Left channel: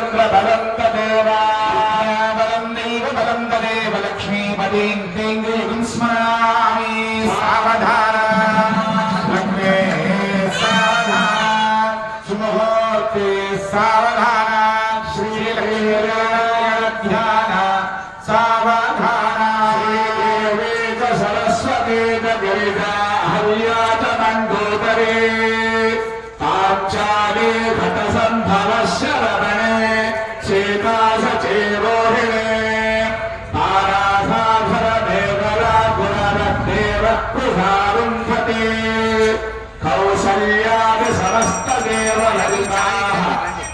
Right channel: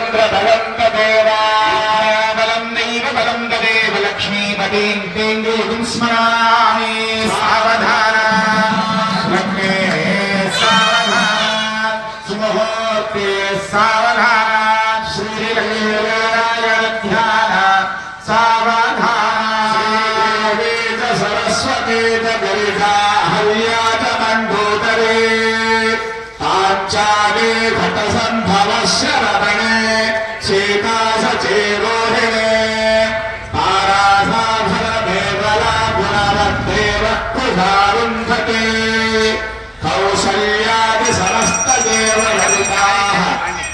तत्र बलं तदेव बलं नैव बलं तदेव लक्ष्मीपतिं तेङ्गेजुं स्मरामि सावधान लग्ने सावधान सुमुहूर्ते सावधान श्रीनारायण ध्यान सावधान श्रीदेवी च सरस्वती च गिरिजा हव्या च मण्डोदरी पाञ्चाली घटसन्भवस्य रमणे शेकाशचेरोहिणे तारासाधरमेवला पुनरद्देव कृधारुन्धते कौसल्यादि समस्तदेव ललिताः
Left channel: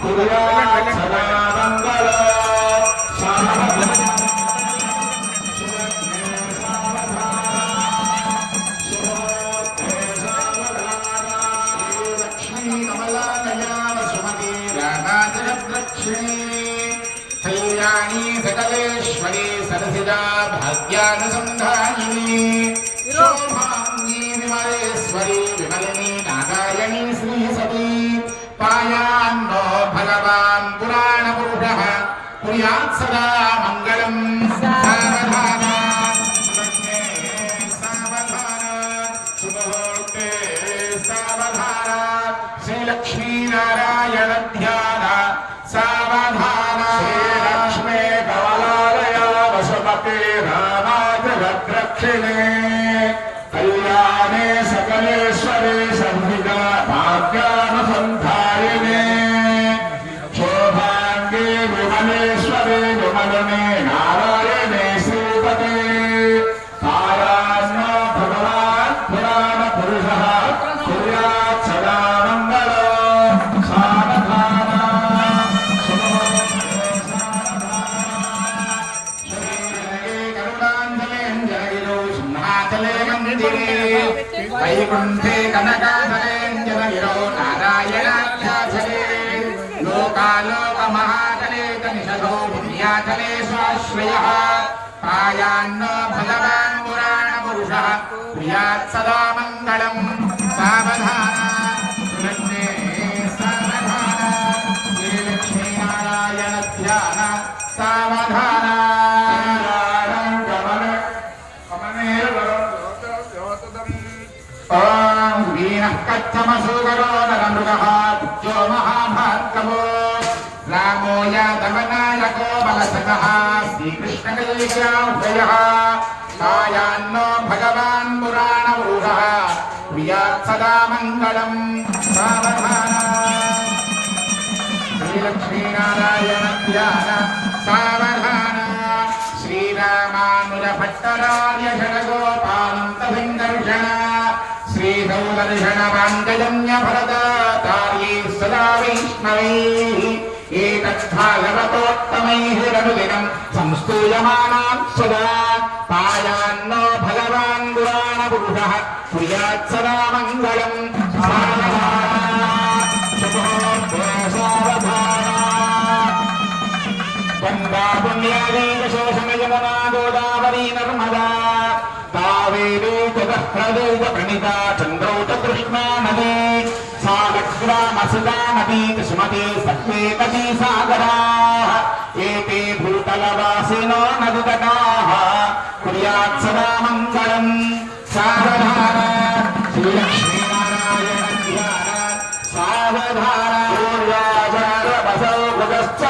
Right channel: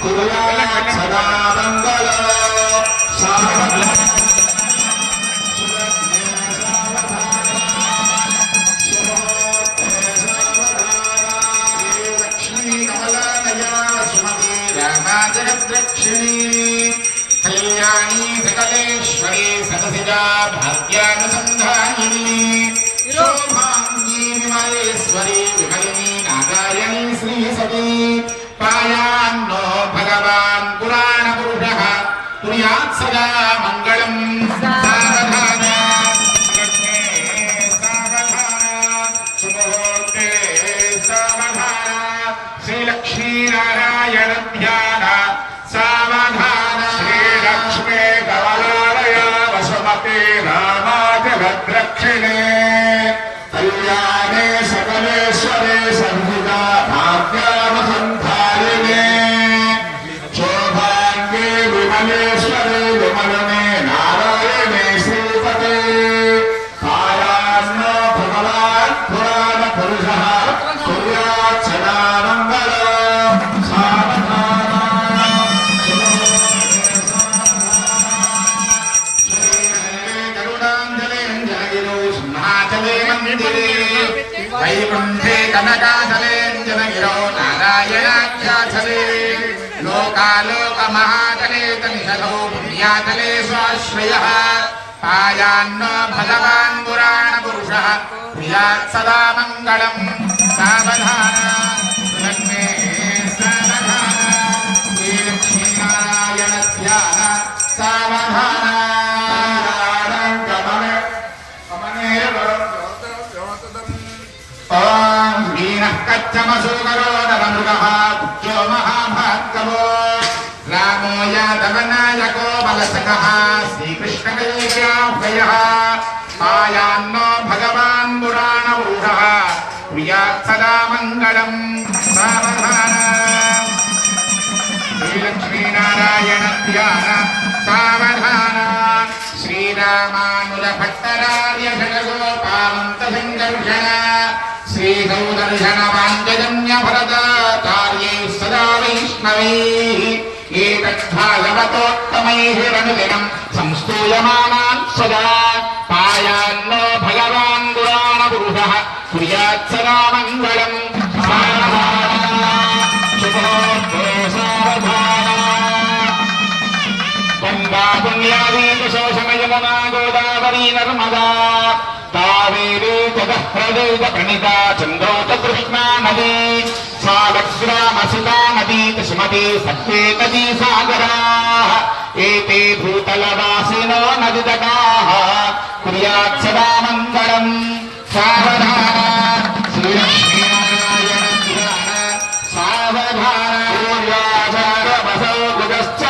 कुर्यात् सदा मङ्गलो कल्याणी सकलेश्वरी सरसिजा भाग्यानुसंधायिनी शोभांगी विमलेश्वरी विमलिनी नारायणी श्रीसती पायान्नो भगवान् पुराणपुरुषः कुर्यात् सदा मङ्गलम् सावधान लग्ने सावधान सुमुहूर्ते सावधान श्रीलक्ष्मीनारायण ध्यान सावधान श्रीलक्ष्मी कमलालय वसुमती रामादिभद्रक्षिणे कल्याणे सकलेश्वरे संहिता भाग्यानुसन्धारिणे शोभाङ्गे विमलेश्वरे विमलने नारायणे श्रीपते तायान्न भगवान् पुराणपुरुषः कुर्यात् सदा मङ्गलो वैकुण्ठे कनकाचलेञ्जनगिरो नारायणाख्याचले लोकालोकमहाचले तनिषधो पुण्याचले स्वाश्रयः पायान्नो भगवान् पुराणपुरुषः कुर्यात् सदा मङ्गलम् सावधान लग्ने सावधान श्रीलक्ष्मीनारायण ध्यान सावधान ॐ वीणः कच्छमसूकरो नरमृगः पुत्रो महाभार्गवो रामो यादवनायको बलसखः श्रीकृष्णकैकेयः पायान्नो भगवान् पुराणपुरुषः कुर्यात् सदा मङ्गलम् सावधान श्रीलक्ष्मीनारायण ध्यान सावधान श्रीरामानुज भट्टरार्य षडगोपालन्तसङ्कर्षण श्रीसौदर्शन वाञ्छजन्य भरताचार्यै सदा वैष्णवैः एतद्भागवतोत्तमैः रनुदिनं संस्तूयमानान् सदा पायान्नो भगवान् पुराणपुरुषः कुर्यात् सदा मङ्गलम् गंगा पुण्यादी कुसुमशमयमुना गोदावरी नर्मदा कावेरी जगत्प्रदेश प्रणीता चन्द्रौ च कृष्णा नदी सागरग्रामसुधा नदी सुमती सत्त्वेकदी सागराः एते भूतलवासिनो नदीतटाः कुर्यात् सदा मङ्गलम् सावधान श्रीलक्ष्मीनारायण ध्यान सावधान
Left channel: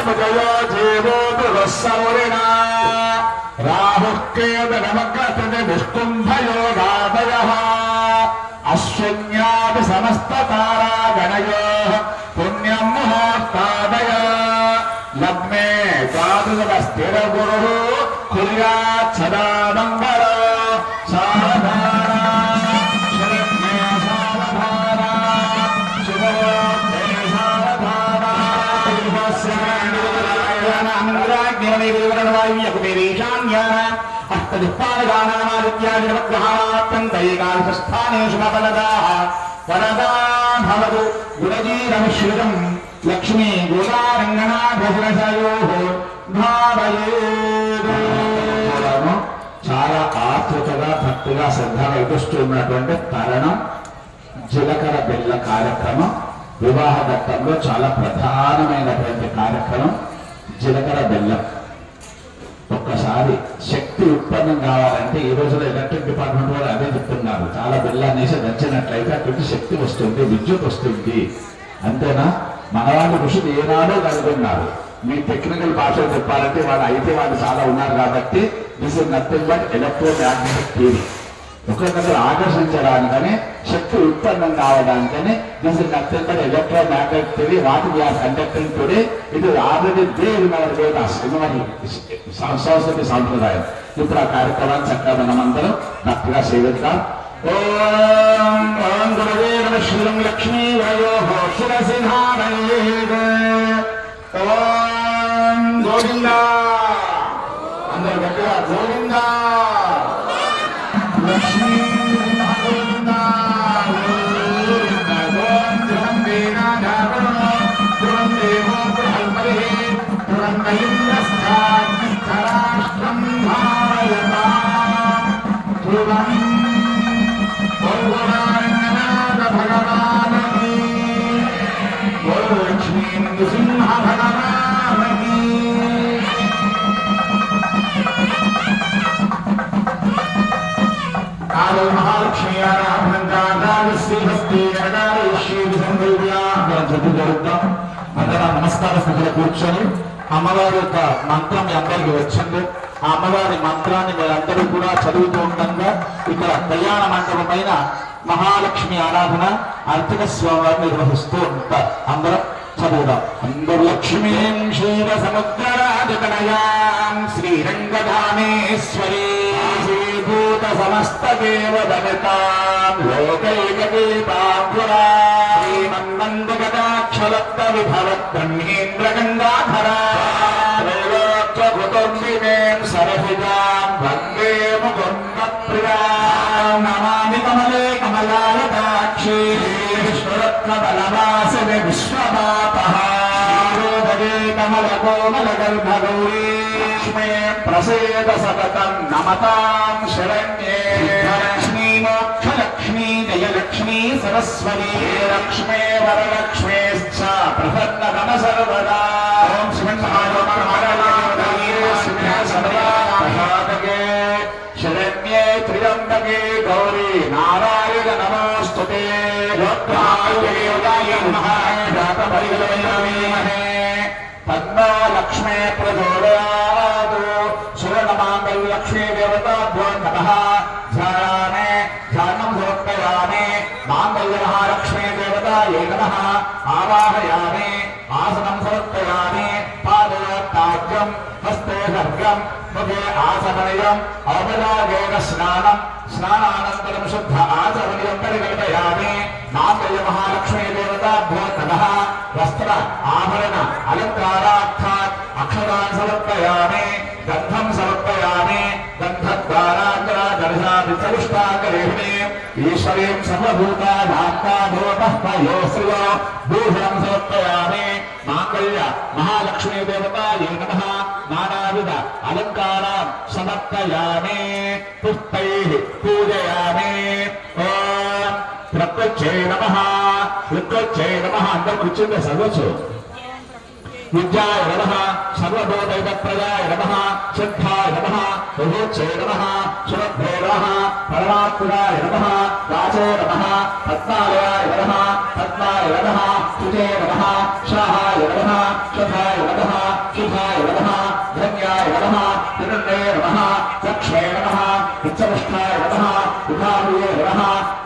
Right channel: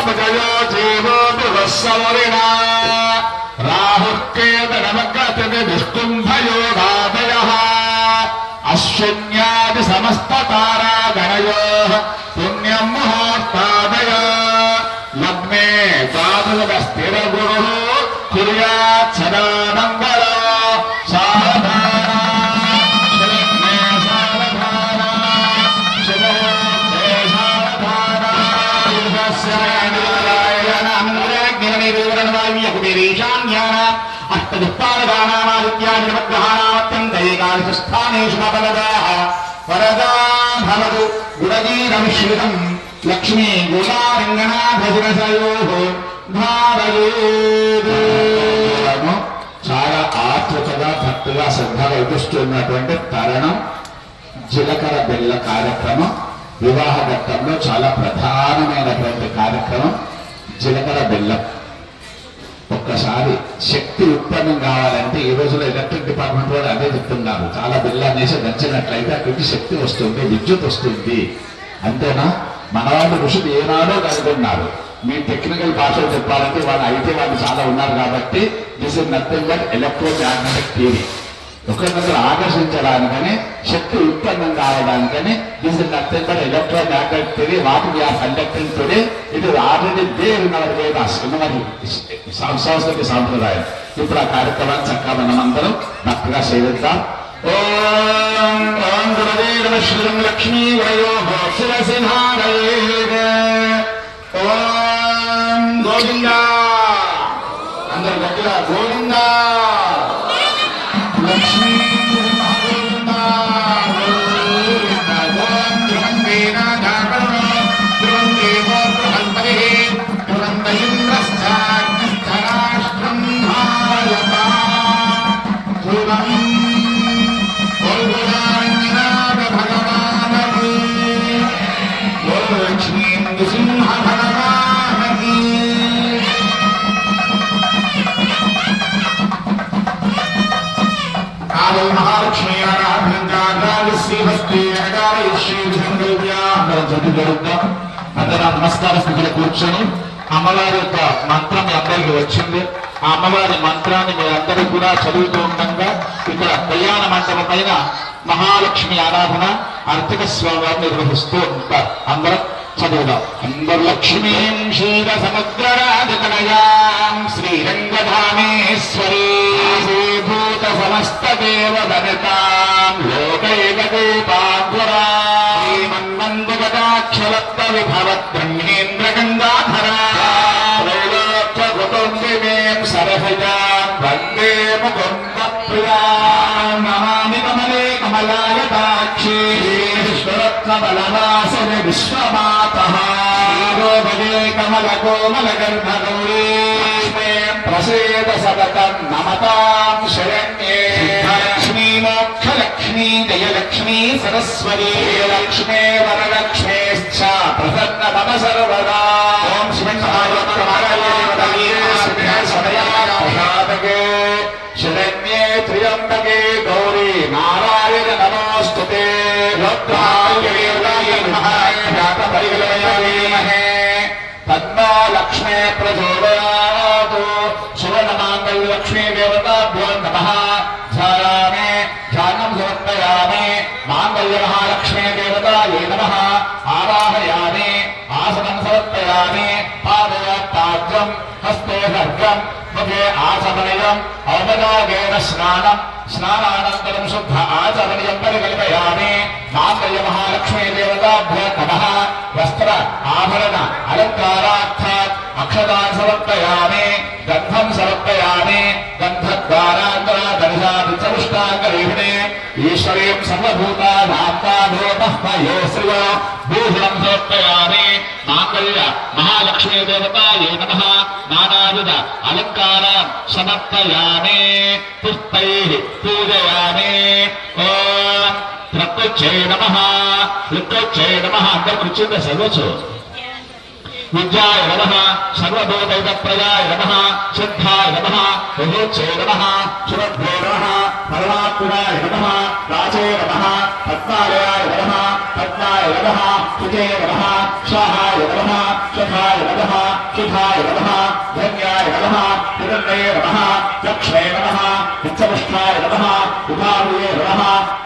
भुजयो जीवो मृगस्समुरिणा राहुः केतनमग्रतिनि विष्णुम्भयोगादयः अश्विन्यादि समस्ततारागणयोः पुण्यं मुहूर्तादय लग्ने द्वादशस्थिरगुरुः कुर्यात् सदा मङ्गलो सावधान लग्ने सावधान शुभोऽर्थे सावधान अष्टदुःखादिगानामादित्यादिनवग्रहाणात्यन्तैकादशस्थानेषु मतवदाः वरदा भवतु गुणजीरमिश्रितं लक्ष्मी गोदारङ्गनाभजनसयोः భారయేదు. చాలా ఆతృతగా భక్తిగా శ్రద్ధగా ఎదుస్తున్నటువంటి తరుణం జీలకర్ర బెల్ల కార్యక్రమం వివాహ ఘట్టంలో చాలా ప్రధానమైనటువంటి కార్యక్రమం. ఒక్కసారి శక్తి ఉత్పన్నం కావాలంటే ఈ రోజుల్లో ఎలక్ట్రిక్ డిపార్ట్మెంట్ వాళ్ళు అదే చెప్తున్నారు. చాలా బిల్లు అనేసి నచ్చినట్లయితే అక్కడికి శక్తి వస్తుంది, విద్యుత్ వస్తుంది. అంతేనా? మనవాళ్ళు ఋషులు ఏనాడో కనుగొన్నారు. మీ టెక్నికల్ భాషలో చెప్పాలంటే వాళ్ళు అయితే వాళ్ళు చాలా ఉన్నారు కాబట్టి this is nothing but electromagnetic theory. ఒకరికొకరు ఆకర్షించడానికని, శక్తి ఉత్పన్నం కావడానికని this is nothing but electromagnetic theory. What we are conducting today it is already there in our Vedas, in our సంస్కృతి సాంప్రదాయం. ఇప్పుడు ఆ కార్యక్రమాన్ని చక్కగా మనమందరం భక్తిగా సేవిద్దాం. ఓం ఓం గురుదేవ శ్రీం లక్ష్మీ వయోః శిరసి ధారయేత్. ఓం గోవిందా. అందరి దగ్గర గోవిందా. లక్ష్మీ గోవిందా గోవిందా. ఓం ధ్రువం వేదాగాపర్ణో ధ్రువం దేవో బృహస్పతి ధ్రువం ఇంద్రశ్చాగ్నిశ్చరాష్ట్రం భారయతాం. ధ్రువం సింహ భగవానకి. కాలో మహాలక్ష్మి నమస్కార స్థితిలో కూర్చొని అమ్మవారి యొక్క మంత్రం మీ అందరికీ వచ్చింది. ఆ అమ్మవారి మంత్రాన్ని మీరందరూ కూడా చదువుతూ ఉండగా ఇక్కడ కళ్యాణ మండపం పైన మహాలక్ష్మి ఆరాధన అర్చక స్వామివారు నిర్వహిస్తూ ఉంటారు. అందరం చదువుదాం. అందరు లక్ష్మీం క్షీర సముద్రరాధితనయాం శ్రీరంగధామేశ్వరీ భూత సమస్త దేవ వనితాం లోకైక దీపాంకురా శ్రీమన్మందుగతాక్షలప్త విభవత్ బ్రహ్మేంద్ర గంగాధరా త్రైలోక్య కుటుంబినేం సరసిజాం వందే ముకుంద ప్రియాం. నమామి కమలే కమలాయతాక్షి విశ్వరత్న బలవాసిని విశ్వమాతః భగే కమల కోమల గర్భగౌరీ లక్ష్మే ప్రసేద సతతం నమతాం శరణ్యే. లక్ష్మీ మోక్షలక్ష్మీ జయలక్ష్మీ సరస్వతీ లక్ష్మే వరలక్ష్మేశ్చ ప్రసన్న మమ సర్వదా. ఓం శివే శరణ్యే త్ర్యంబకే గౌరీ నారాయణ నమోస్తుతే. పద్మా లక్ష్మే ప్రచోదయాతు సువర్ణమాంగళ్య లక్ష్మీ దేవతాభ్యో నమః. ధ్యాయామి ధ్యానం సమర్పయామి మాంగళ్య మహాలక్ష్మీ దేవతాయై నమః. ఆవాహయామి ఆసనం సమర్పయామి. పాదయాత్తాజ్యం హస్తే ఖడ్గం ముఖే ఆచమనీయం ఔపచారికేణ స్నానం స్నానానంతరం శుద్ధ ఆచమనీయం పరికల్పయామి. మాంగళ్య మహాలక్ష్మీ దేవతాభ్యో నమః. వస్త్ర ఆభరణ అలంకారార్థాత్ అక్షతాన్ సమర్పయామి. గంధం సమర్పయామి. గంధద్వారాంతర దర్శాది చతుష్టాంగరేహిణే ఈశ్వరీం సర్వభూతానాత్మానోపహ్మయో శ్రియో భూషణం సమర్పయామి. మాంగళ్య మహాలక్ష్మీ దేవతాయై నమః. నానావిధ అలంకారాన్ సమర్పయామి. పుష్పైః పూజయామి. ఓం ప్రకృత్యై నమః. ప్రకృత్యై నమః. అందరూ కూర్చుంటే సర్వచ్చు. విద్యాయ నమః. సర్వభూతైకప్రదాయ నమః. సిద్ధాయ నమః. విభూత్యై నమః. శుభ్రే నమః. పరమాత్మనాయ నమః. రాజే నమః. పద్మాలయాయ నమః. పద్మాయ నమః. సుతే నమః. స్వాహాయ నమః. శుభాయ నమః. శుభాయ నమః. ధన్యాయ నమః. హిరణ్యే నమః. లక్ష్మే నమః. విచ్చముష్టాయ నమః. విభావయే నమః.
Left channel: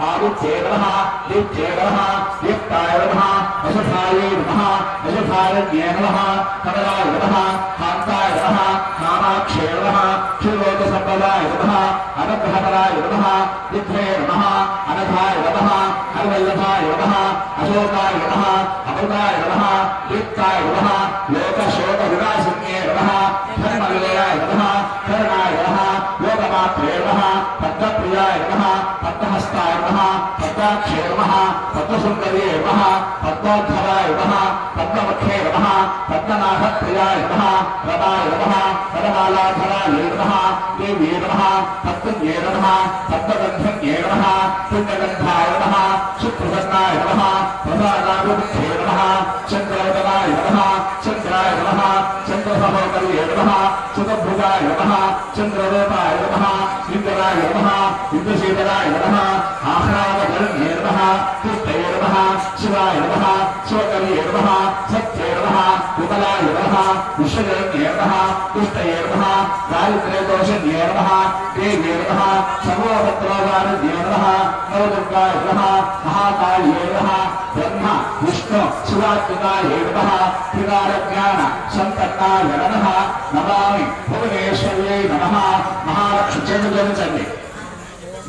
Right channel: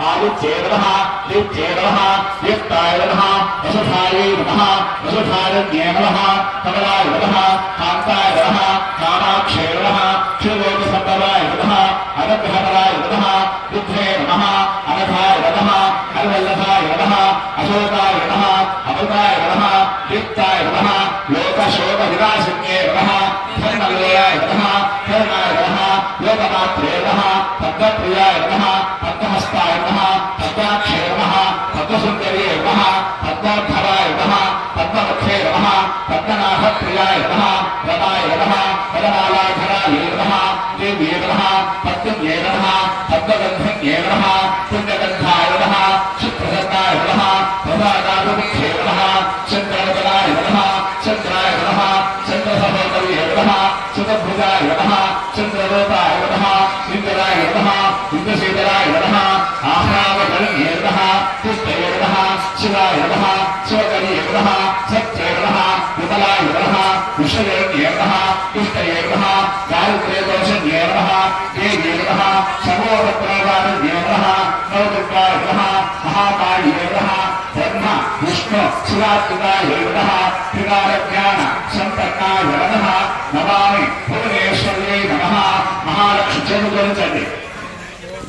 ఆదిత్యే నమః. దీప్త్యే నమః. దీప్తాయ నమః. వసుధాయే నమః. వసుధారణ్యే నమః. కమలాయ నమః. కాంతాయ నమః. కామాక్షే నమః. క్షీరోదసంభవాయ నమః. అనుగ్రహపరాయ నమః. రుద్రే నమః. అనఘాయ నమః. హరవల్లభాయ నమః. అశోకాయ నమః. అమృతాయ నమః. దీప్తాయ నమః. లోకశోక వినాశిన్యే నమః. ధర్మనిలయాయ నమః. కరుణాయ నమః. లోకమాత్రే నమః. పద్మప్రియాయ నమః. పద్మహస్తాయ నమః. పద్మాక్షే నమః. పద్మసుందర్యే నమః. పద్మోద్ధరాయ నమః. పద్మవక్షే నమః. పద్మనాభప్రియాయ నమః. రమాయ నమః. పరమాలాధరాయే నమః. దేవ్యే నమః. పద్మన్యే నమః. పద్మగంధన్యే నమః. పుణ్యగంధాయ నమః. సుప్రసన్నాయ నమః. ప్రసాదాభిముఖ్యే నమః. చంద్రవదనాయ నమః. చంద్రాయ నమః. చంద్రసహోదర్యే నమః. శతభుజాయ నమః చంద్రరూపాయ నమః ఇంద్రాయ నమః ఇంద్రశీతలాయ నమః ఆహ్లాదకరణ్యే నమః పుష్టయే నమః శివాయ నమః శివకర్యే నమః సత్యే నమః విమలాయ నమః విశ్వకరణ్యే నమః పుష్టయే నమః దారిద్ర్యదోషణ్యే నమః దేవ్యే నమః సర్వోపద్రవారణ్యే నమః నవదుర్గాయ నమః మహాకాళ్యే నమః బ్రహ్మ విష్ణు శివాత్మకాయ నమః త్రికాలజ్ఞాన సంపన్నాయ నమః నమామి భువనేశ్వర్యై నమః మహాలక్ష్మి చేతులంచండి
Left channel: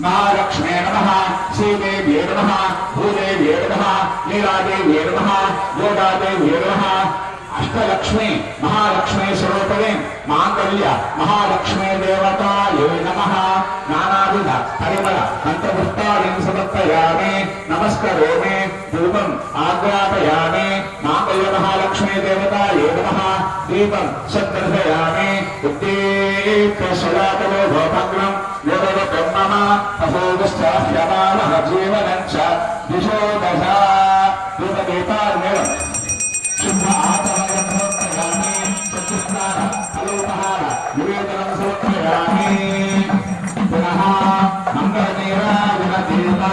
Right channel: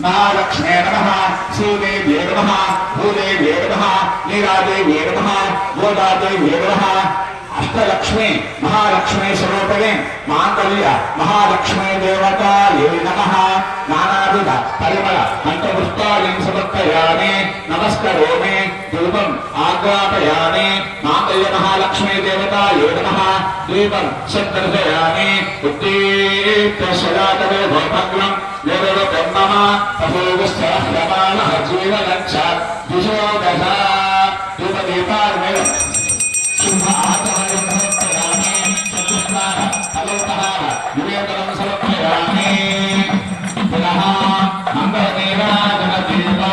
महालक्ष्मे नमः श्रीदेव्ये नमः भूदेव्ये नमः नीलादेव्ये नमः गोदादेव्ये नमः अष्टलक्ष्मी महालक्ष्मी स्वरूपिणे मांगल्य महालक्ष्मी देवतायै नमः नानाविध परिमल मंत्रपुष्पाणि समर्पयामि नमस्करोमि धूपम् आग्रापयामि मांगल्य महालक्ष्मी देवतायै नमः दीपं सद्दर्शयामि उद्दीप्य सदातयो भवभग्नम् यदवकर्मः तपोगस्याह्यमानः जीवनञ्च दिशो दश धूपदीपार्मेव शुभ आचमनं समर्पयामि चतुष्णाः अलोकहार निवेदनं समर्पयामि पुनः मङ्गलनीराजनदीपो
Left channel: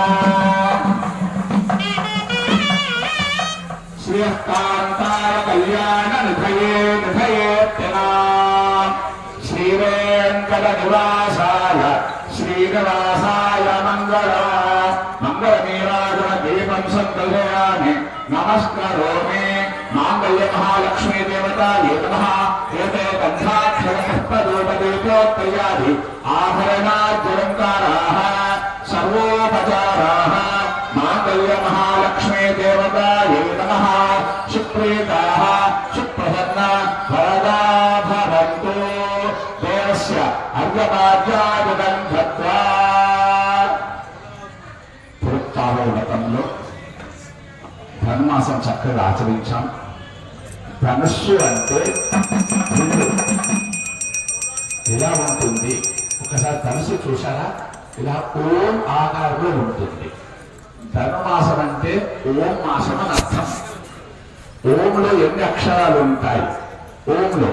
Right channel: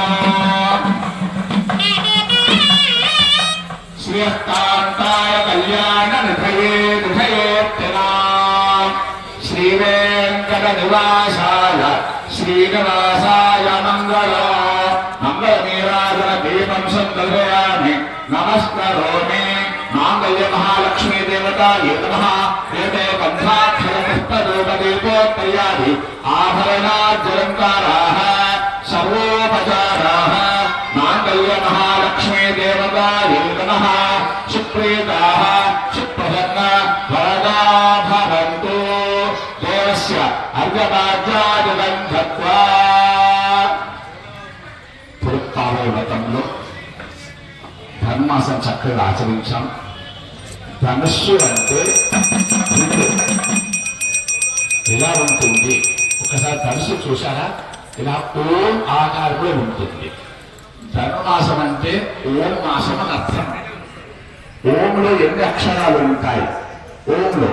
श्रीयकान्ताय कल्याणनिधये निधयेत्यनाम् श्रीवेङ्कटनिवासाय श्रीनिवासाय मङ्गलो मङ्गलनीराजनदीपं सन्दर्शयामि नमस्करोमि मांगल्य महालक्ष्मी देवतायै नमः एते गन्धाक्षरपुष्पधूपदीपोत्तयादि आभरणाद्यलङ्काराः सर्वोपचाराः मांगल्य महालक्ष्मी देवतायै नमः सुप्रीताः सुप्रसन्ना वरदा भवन्तु देवस्य अर्घ्यपाद्यादिकं दत्त्वा పురుక్కావతంలో ధర్మాసం చక్కగా ఆచరించాం. ధనుస్సు అంటే ఇలా ఉంటుంది. ఒకసారి ధనుసు చూసారా? ఇలా ఓం ఆకారంలో ఉంటుంది. ధనుమాసం అంటే ఓం మాసం అని అర్థం. ఓంలో ఎన్ని అక్షరాలు ఉంటాయి? ఓంలో